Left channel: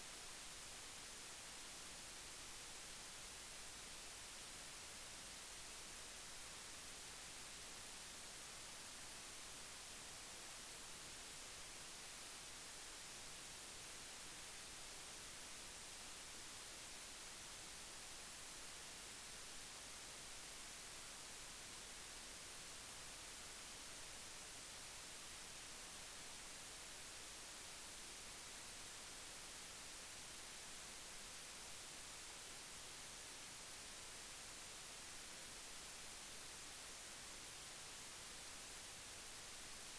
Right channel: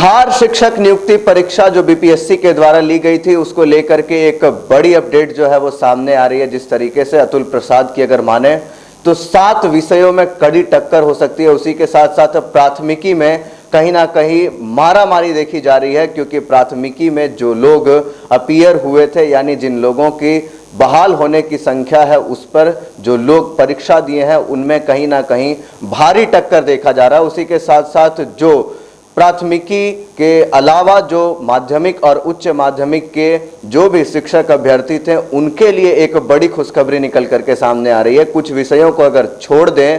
बिहार शिक्षक नियुक्ति परीक्षा जो बीपीएससी के द्वारा ली गई थी, उसको लेकर के एक बड़ी अपडेट जो है वो सामने आ रही है। जिस तरीके से अतुल प्रसाद की अगर माने तो 7 विषयों में कड़ी टक्कर हो सकती है। उसी के साथ साथ प्राथमिकी में कहीं ना कहीं मारामारी देखी जा रही है, क्योंकि प्राथमिकी में जो लोग अपीयर हुए थे, यानी जिन लोगों की बहाल होने की संख्या है, उस पर जो लोग परीक्षा दिए हैं उनमें कहीं ना कहीं भारी टक्कर देखा जा रहा है। उसी के साथ साथ जो प्राथमिकी के अलावा जो माध्यमिक और उच्च माध्यमिक के जो भी शिक्षक अभ्यर्थी थे, उनके लिए एक बड़ी खुशखबरी निकल करके सामने आ रही है। कुछ विषयों को अगर छोड़ दें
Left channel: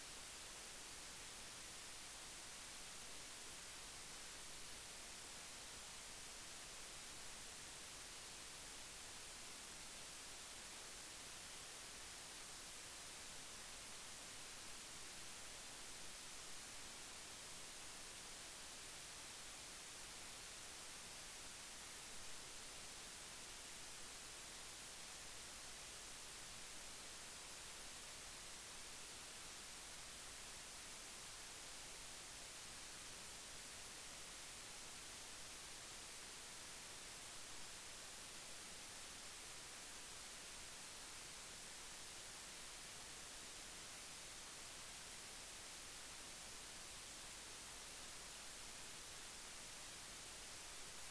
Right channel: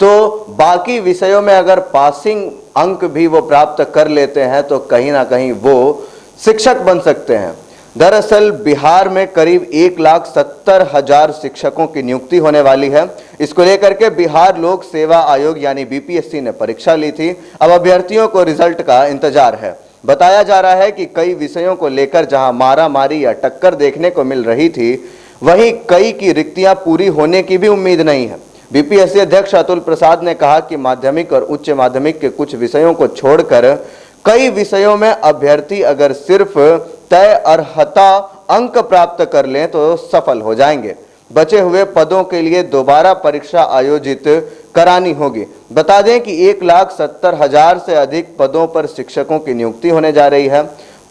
तो बाकी विषयों में अगर पासिंग अंक भी वो प्राप्त कर लेते हैं तो कहीं ना कहीं वो शिक्षक बन सकते हैं। दरअसल बिहार में करीब 1,70,000 शिक्षकों की नियुक्ति होने वाली है। इसको लेकर के बिहार लोक सेवा आयोग यानी बीपीएससी ने परीक्षा ली थी। अब अभ्यर्थियों को रिजल्ट का इंतजार है। बताया जा रहा है कि कई विषयों को लेकर जहां मारामारी या टक्कर देखने को मिल रही थी, वहीं कई की रिक्तियां पूरी होने की भी उम्मीद नहीं है। बीपीएससी अध्यक्ष अतुल प्रसाद ने कहा कि माध्यमिक और उच्च माध्यमिक के कुछ विषयों को छोड़कर कई विषयों में अभ्यर्थी अगर सिर्फ तय अर्हता अंक प्राप्त कर लें तो सफल हो जाएंगे। बचे हुए पदों के लिए दोबारा परीक्षा आयोजित करानी होगी। बता दें कि 1,70,000 से अधिक पदों पर शिक्षकों की नियुक्ति होने जा रही है।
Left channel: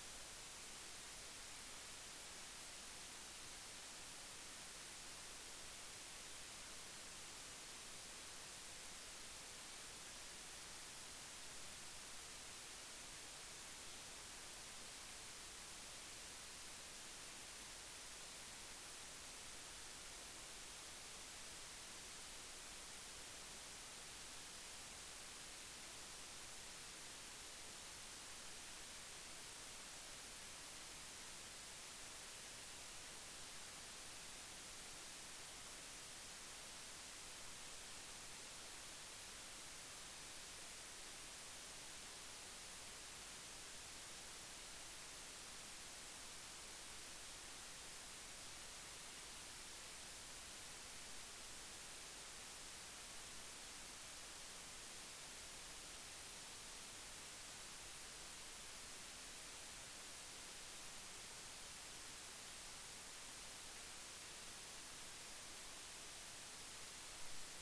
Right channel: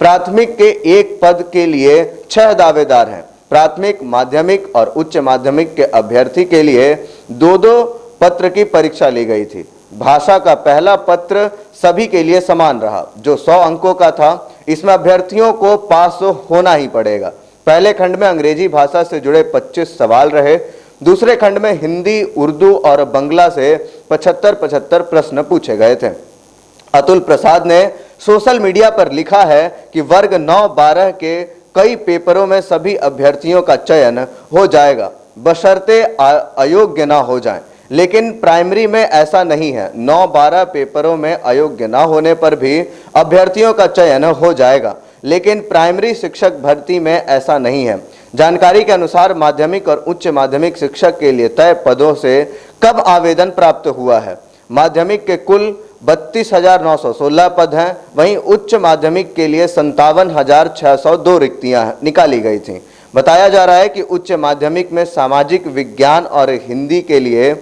प्राथमिक के एक पद के लिए 6 दावेदार हैं। प्राथमिक, माध्यमिक और उच्च माध्यमिक के अभ्यर्थी के लिए 2-2 पत्र की परीक्षा ली गई थी। भाषा का पहला पत्र सभी के लिए समान रहा, जो 100 अंकों का था। इसमें अभ्यर्थियों को पास होना ही पड़ेगा। पहले खंड में अंग्रेजी भाषा से जुड़े 25 सवाल रहे। दूसरे खंड में हिंदी, उर्दू और बंगला से 75-75 प्रश्न पूछे गए थे। अतुल प्रसाद ने सोशल मीडिया पर लिखा है कि वर्ग 9-12 के कई पेपरों में सभी अभ्यर्थियों का चयन हो जाएगा, बशर्ते अयोग्य ना हो जाएं। लेकिन प्राइमरी में ऐसा नहीं है। 9-12 पेपरों में अयोग्य ना होने पर भी अभ्यर्थियों का चयन हो जाएगा, लेकिन प्राइमरी शिक्षक भर्ती में ऐसा नहीं है। जानकारी के अनुसार माध्यमिक और उच्च माध्यमिक शिक्षक के लिए तय पदों से कब आवेदन प्राप्त हुआ है। माध्यमिक के कुल 32,916 पद हैं, वहीं उच्च माध्यमिक के लिए 57,602 रिक्तियां निकाली गई थीं। बताया जा रहा है कि उच्च माध्यमिक में सामाजिक विज्ञान और हिंदी के लिए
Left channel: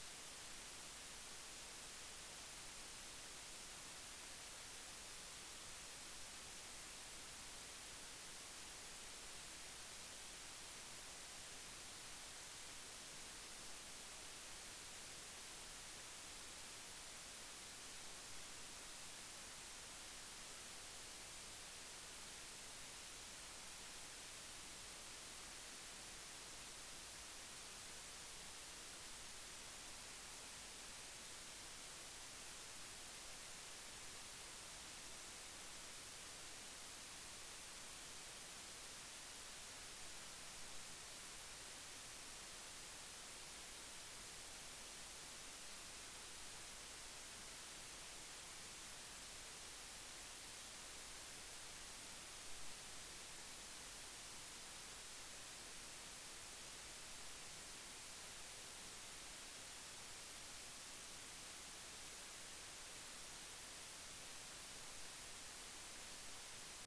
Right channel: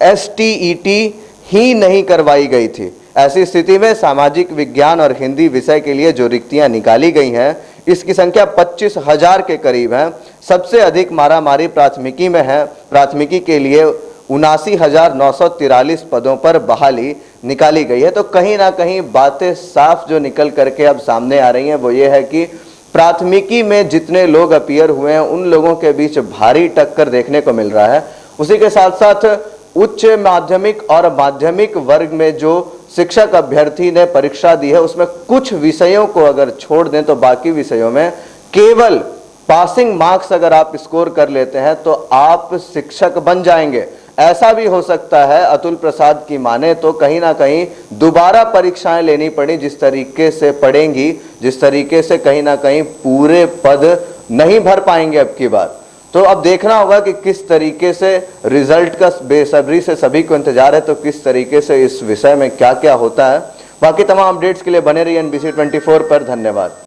एसटीईटी ही नहीं करवाई गई थी। ऐसी स्थिति में सामाजिक विज्ञान और हिंदी विषय के लिए जो रिक्तियां निकाली गई हैं, इसकी संख्या 25,000 के करीब है। सबसे अधिक मारामारी प्राथमिकी में है। प्राथमिकी के लिए 79,943 पदों पर बहाली निकाली गई है। तो कहीं ना कहीं बातें साफ जो निकल करके अब सामने आ रही हैं वो ये है कि प्राथमिकी में जितने लोग अपीयर हुए हैं उन लोगों के बीच भारी टक्कर देखने को मिल रहा है। उसी के साथ साथ उच्च माध्यमिक और माध्यमिक वर्ग में जो शिक्षक अभ्यर्थी ने परीक्षा दी है, उसमें कुछ विषयों को अगर छोड़ दें तो बाकी विषयों में केवल पासिंग मार्क्स अगर आप स्कोर कर लेते हैं तो आप शिक्षक बन जाएंगे। ऐसा भी हो सकता है, अतुल प्रसाद की माने तो कहीं ना कहीं दोबारा परीक्षाएं लेनी पड़ी। जिस तरीके से पढ़ेंगी, जिस तरीके से कहीं ना कहीं पूरे पद नहीं भर पाएंगे अब की बार। तो अब देखना होगा कि किस तरीके से रिजल्ट का बेसब्री से सभी को इंतजार है, तो किस तरीके से इस विषय में क्या क्या होता है। बाकी तमाम अपडेट्स के लिए बने रहिए NBC 24 पर। धन्यवाद।